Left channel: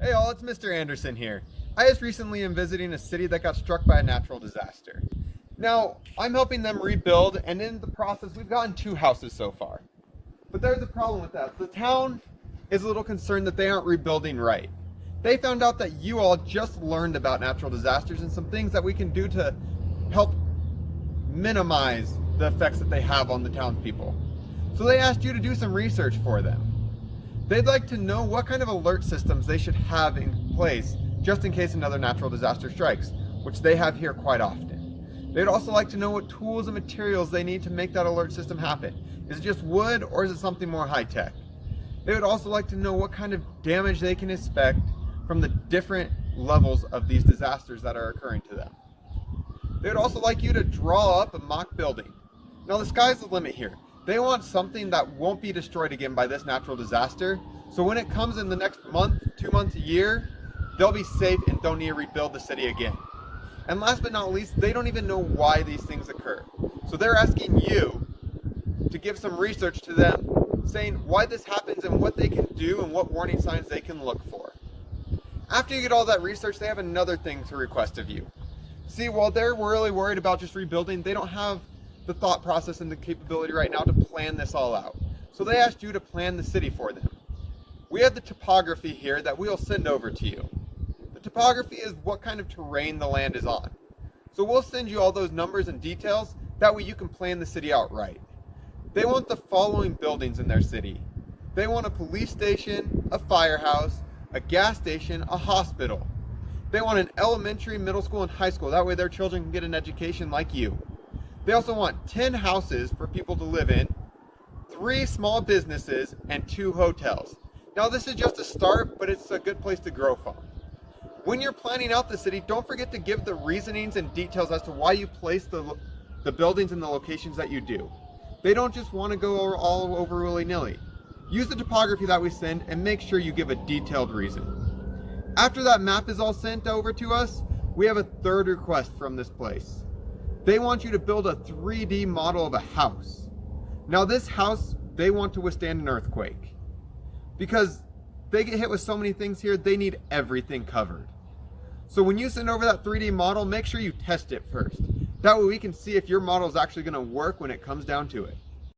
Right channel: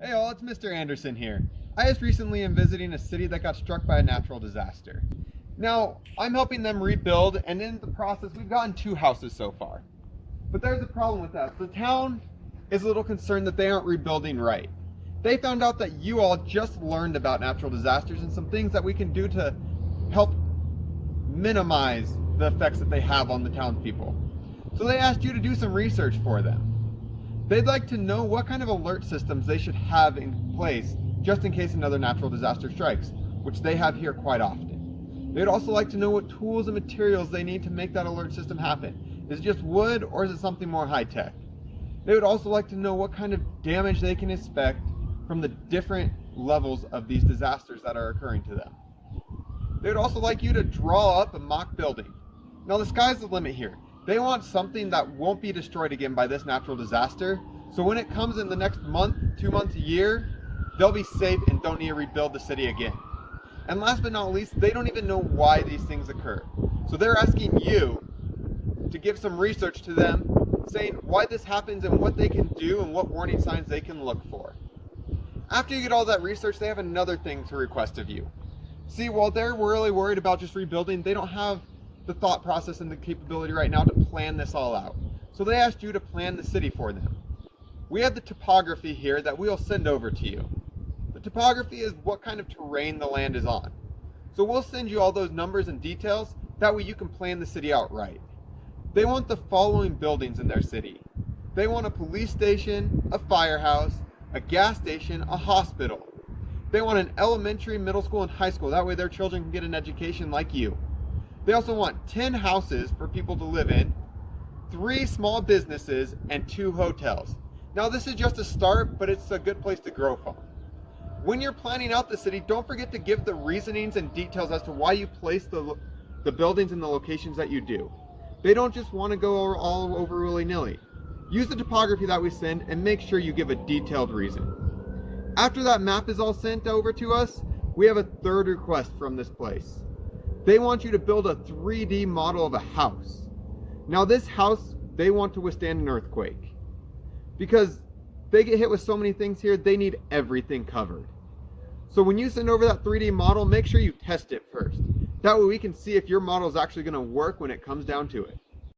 Hey all, it's Mr. Anderson here. I just recently am visiting a city that got struck by a natural disaster. Now, I'm helping them rebuild, and in the process, we've gotten 2 houses so far. But there's a problem with that. The town is a little concerned that they aren't rebuilding right. They found out that you all just learned about natural disasters and some things that we can do to help minimize the effects that they have on the townspeople. So they asked you to do some research for them. They'd like to know what kind of alert systems they should have in place just in case another natural disaster strikes, which they have here quite often. They'd also like to know what tools and materials they need to make that alert system happen. Is it just wood or is it something more high tech? They would also like to know what kind of damage they can expect from the different levels of these disasters that are occurring to them. They would also like you to draw up a mock building. Now the sky's the limit here. They want something that won't be destroyed again by this natural disaster, so when it comes in the next month, 2 months, a year, they'll be safe and don't need to rebuild the city again. And last but not least, they don't even know why these things occur. So they're asking you to give some research to them, saying why this happens and what they can do and what warning signs they can look for. After you get all that research, they have another thing to request of you. See, while they're really worried about just rebuilding, they don't have the thought process and the capability right now to plan this all out. So they asked you to plan the city for them. We have the topography here that we'll send over to you. The topography is what kind of terrain the land is on. So we'll send you all those numbers and details, that way you can plan the city out right. They want the following buildings in their city. They want a police station, a firehouse, a gas station, a hospital. They want an elementary, middle school, and high school, that way their children can get an education like you. They also want 10 houses for people to live in, 3 small businesses, and 2 hotels. Now this is just a start, but it's a good place to grow from. When you're planning out the city, don't forget to give the reasonings and details as to why you place the buildings in the locations that you do. They don't just want to go all over willy-nilly. Use the topography that we send and make sure you give a detailed reason. After that map is all sent over to us, we have a third request from this place. They want you to build a 3D model of a house. Now this house, they want to withstand an earthquake. Because they get hit with so many things here, they need everything covered. So when you send over that 3D model, make sure you test it first. That way we can see if your model is actually going to work when it comes down to it.